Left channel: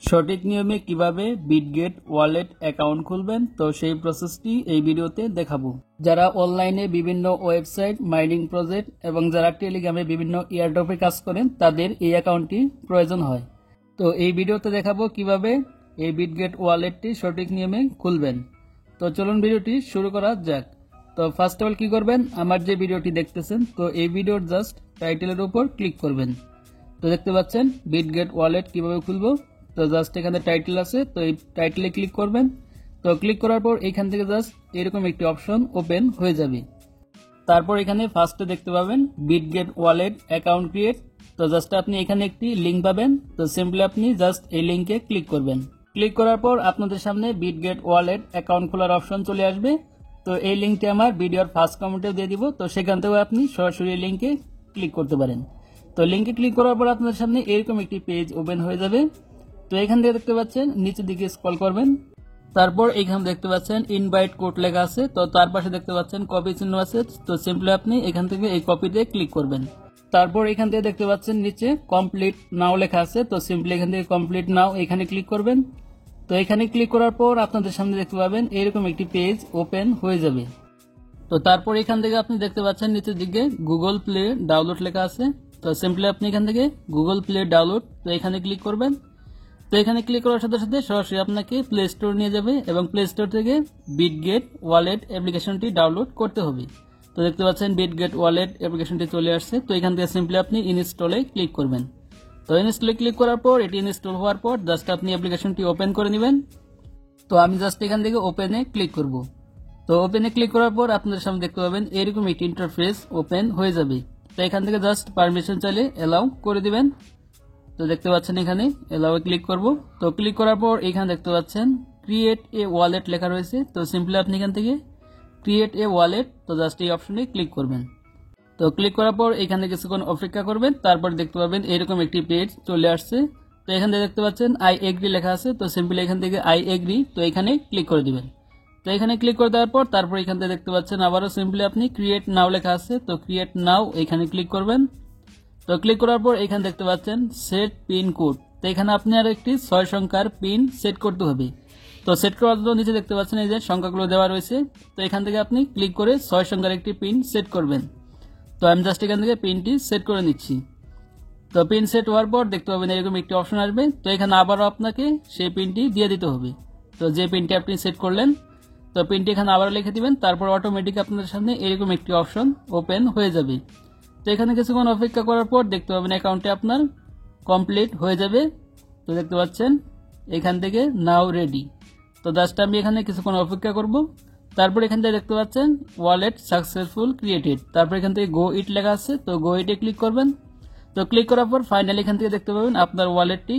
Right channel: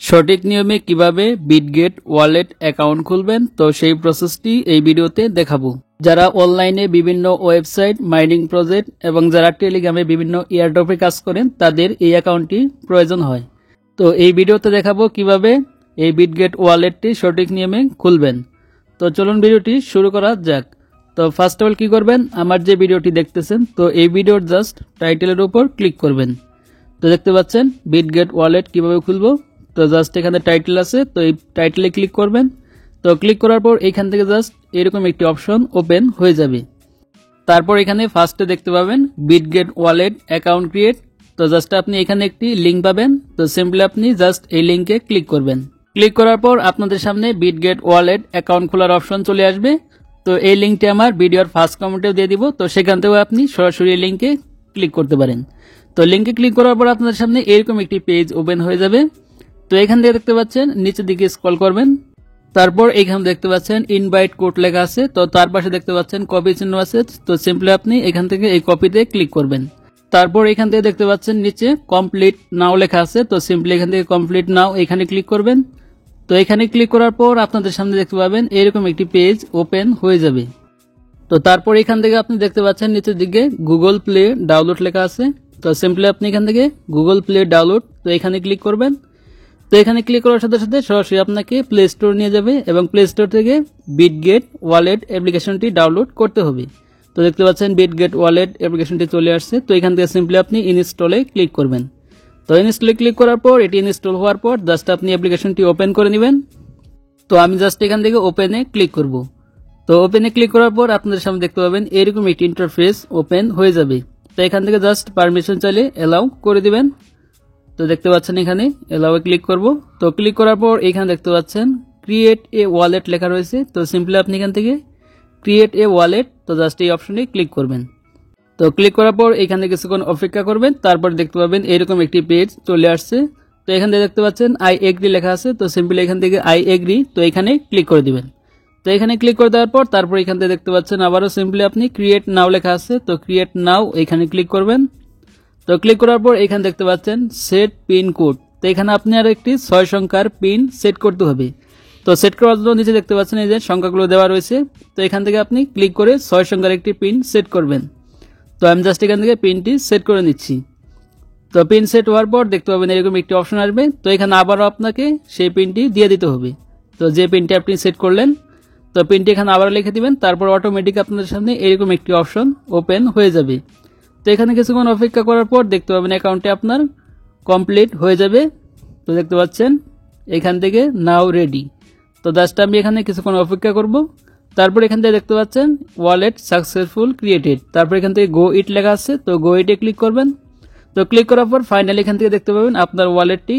সঠিক নিয়মে কিভাবে বিটগেট ওয়ালেট অ্যাকাউন্ট খুলবেন তো সেই প্রসেসটি এই ভিডিওতে দেখাবো। যারা অনলাইনে বিভিন্ন ওয়েবসাইট মাইনিং প্রজেক্ট এবং যারা টেলিগ্রামে বিভিন্ন এয়ারড্রপে কাজ করেন তাদের এই অ্যাকাউন্টটি প্রয়োজন হয়। তো এই ভিডিওতে দেখাবো কিভাবে এই বিটগেট ওয়ালেটটি সঠিক নিয়মে খুলবেন। তো চলুন ভিডিওটি শুরু করা যাক। তো ফার্স্ট অফ অল কি করবেন, আমার যে ভিডিওটি দেখতেছেন তো এই ভিডিওর জাস্ট টাইটেলের উপর ক্লিক করবেন। তো দেখতে পাচ্ছেন বিটগেট ওয়ালেট কিভাবে খুলবো। তো জাস্ট এখানে টাইটেল আছে, তো এই টাইটেলে ক্লিক করবেন। তো ক্লিক করার পর এখান থেকে জাস্ট এরকম একটি অপশন ওপেন হয়ে যাবে। তারপর এখানে ফার্স্টে দেখতে পাবেন বিটগেট ওয়ালেট অ্যাকাউন্ট ক্রিয়েট। তো জাস্ট আপনি এখানে একটি লিঙ্ক পাবেন। তো সিম্পলি আপনি জাস্ট এই লিঙ্কে ক্লিক করবেন। ক্লিক করার পর আপনাদের সামনে বিটগেট ওয়ালেট অ্যাকাউন্ট খোলার অপশন চলে আসবে। তো এই লিঙ্কটি আমার ভিডিওর ফার্স্ট কমেন্টেও দিয়ে দিব, তো সেখান থেকেও আপনি সরাসরি এই লিঙ্কে ক্লিক করতে পারেন। তো লিঙ্কে ক্লিক করার পর আপনাদের সামনে এরকম একটি পেজ ওপেন হয়ে যাবে। তো এখান থেকে দেখতে পাচ্ছেন নিচের দিকে স্ক্রল করবেন। তারপর এখানে দেখতে পাচ্ছেন ইনভাইট কোড লেখা আছে, তো তার পাশে দেখতে পাচ্ছেন কপি চিহ্ন আছে। তো সিম্পলি আপনি এখান থেকে এই কপিতে ক্লিক করবেন। তারপর এখান থেকে দেখতে পাচ্ছেন নিচে কমপ্লিট নাও লেখা আছে, তো সিম্পলি এখান থেকে কমপ্লিট নাও এখানে ক্লিক করবেন। তো এখানে ক্লিক করার পর আপনাদের সামনে দেখতে পাবেন এরকম একটি পেজ ওপেন হয়ে যাবে। তো তারপর এখান থেকে আপনি দেখতে পাচ্ছেন নিচের দিকে গুগল প্লে ডাউনলোড লেখা আছে। তো সিম্পলি আপনি এখান থেকে গুগল প্লে ডাউনলোড তো এখানে ক্লিক করবেন। তো এখানে ক্লিক করার সাথে সাথে সরাসরি আপনাকে প্লে স্টোর নিয়ে যাবে এবং প্লে স্টোর থেকে বিটগেট ওয়ালেট অ্যাপ্লিকেশনটি ডাউনলোড করতে হবে। তো দেখতে পাচ্ছেন বিটগেট ওয়ালেট অ্যাপ্লিকেশনটি চলে আসছে। তো এখান থেকে সিম্পলি আপনি ইনস্টলে ক্লিক করবেন। তো ইনস্টলে ক্লিক করার পর এটি ইনস্টল হওয়ার পর জাস্ট আপনি অ্যাপ্লিকেশনটি ওপেন করে নেবেন। তো আমি জাস্ট এখান থেকে ওপেনে ক্লিক করব। তো ওপেনে ক্লিক করার পর আপনাদের সামনে দেখতে পাবেন এরকম একটি ইন্টারফেস ওপেন হয়ে যাবে। তো এখান থেকে জাস্ট পারমিশন চাইলে অ্যালাউ করে দিবেন। তো দেখতে পাচ্ছেন এখানে অ্যালাউয়ে ক্লিক করব। তো ক্লিক করার পর এখানে দেখতে পাচ্ছেন ক্রিয়েট এ ওয়ালেট লেখা রয়েছে। তো সিম্পলি আপনি এখান থেকে ক্রিয়েট এ ওয়ালেট তো জাস্ট এই অপশনে ক্লিক করবেন। তো ক্লিক করার পর এখান থেকে কিছুক্ষণ অপেক্ষা করবেন। তারপর দেখতে পাবেন এরকম একটি পেজ চলে আসছে। তো এখান থেকে দেখতে পাচ্ছেন আই এগ্রি লেখা আছে। তো সিম্পলি এখান থেকে আই এগ্রি তো এখানে ক্লিক করে দিবেন। তো এখানে ক্লিক করে দেওয়ার পর তারপর এখান থেকে দেখতে পাচ্ছেন আবারও সিম্পলি আপনি ক্রিয়েট নাও লেখা আছে। তো ক্রিয়েট নাও এখানে ক্লিক করবেন। তো ক্লিক করার পর এখানে দেখতে পাচ্ছেন সেট পিন কোড। তো এখানে আপনি আর একটি 6 সংখ্যার পিন সেট করতে হবে। তো সেট করার জন্য নিচে দেখতে পাচ্ছেন এই যে সংখ্যাগুলো দেওয়া রয়েছে। তো এখান থেকে আপনি ক্লিক করে 6 সংখ্যার একটি পিন সেট করবেন। তো আমি জাস্ট এখান থেকে পিনটি সেট করে নিচ্ছি। তো পিন সেট হওয়ার পর দেখতে পাবেন এরকম একটি অপশন আসবে। তো এখানে আবারও আপনাকে সেই পিনটি দিয়ে দিতে হবে। তো যে পিনটি আপনি সেট করলেন তো পিনটি এখানে আবার লিখে দিবেন। তারপর অটোমেটিক আপনাদের সামনে এরকম একটি অপশন ওপেন হয়ে যাবে। তো এখানে কিছুক্ষণ অপেক্ষা করার পর দেখতে পাবেন অ্যাকাউন্টটি আপনার কমপ্লিট হয়ে যাবে। তো দেখতে পাচ্ছেন এখান থেকে নাও রেডি। তো জাস্ট আমি এখানে কিছুক্ষণ অপেক্ষা করব। তারপর এখান থেকে দেখতে পাচ্ছেন ওয়ালেট সাকসেসফুল ক্রিয়েটেড। তারপর এখান থেকে গো ইট লেখা আছে। তো গো ইটে ক্লিক করবেন। তো ক্লিক করার পর ফাইনালি এখান থেকে দেখতে পাবেন আপনার ওয়ালেটটি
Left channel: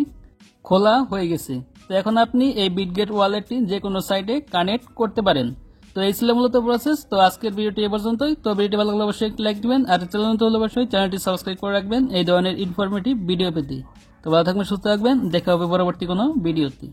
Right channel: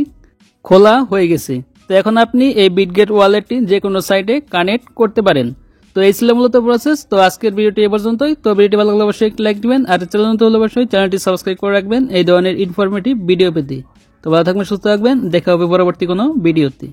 খোলা হয়ে গেছে। তো এখন আপনি এই বিটগেট ওয়ালেটটি যে কোনো সাইটে কানেক্ট করতে পারেন। তো এই ছিল মূলত প্রসেস। তো আজকের ভিডিওটি এ পর্যন্তই। তো ভিডিওটি ভালো লাগলে অবশ্যই একটি লাইক দিবেন, আর চ্যানেল নতুন হলে অবশ্যই চ্যানেলটি সাবস্ক্রাইব করে রাখবেন এই ধরনের ইনফরমেটিভ ভিডিও পেতে। তো ভালো থাকবেন, সুস্থ থাকবেন, দেখা হবে পরবর্তী কোনো ভিডিওতে।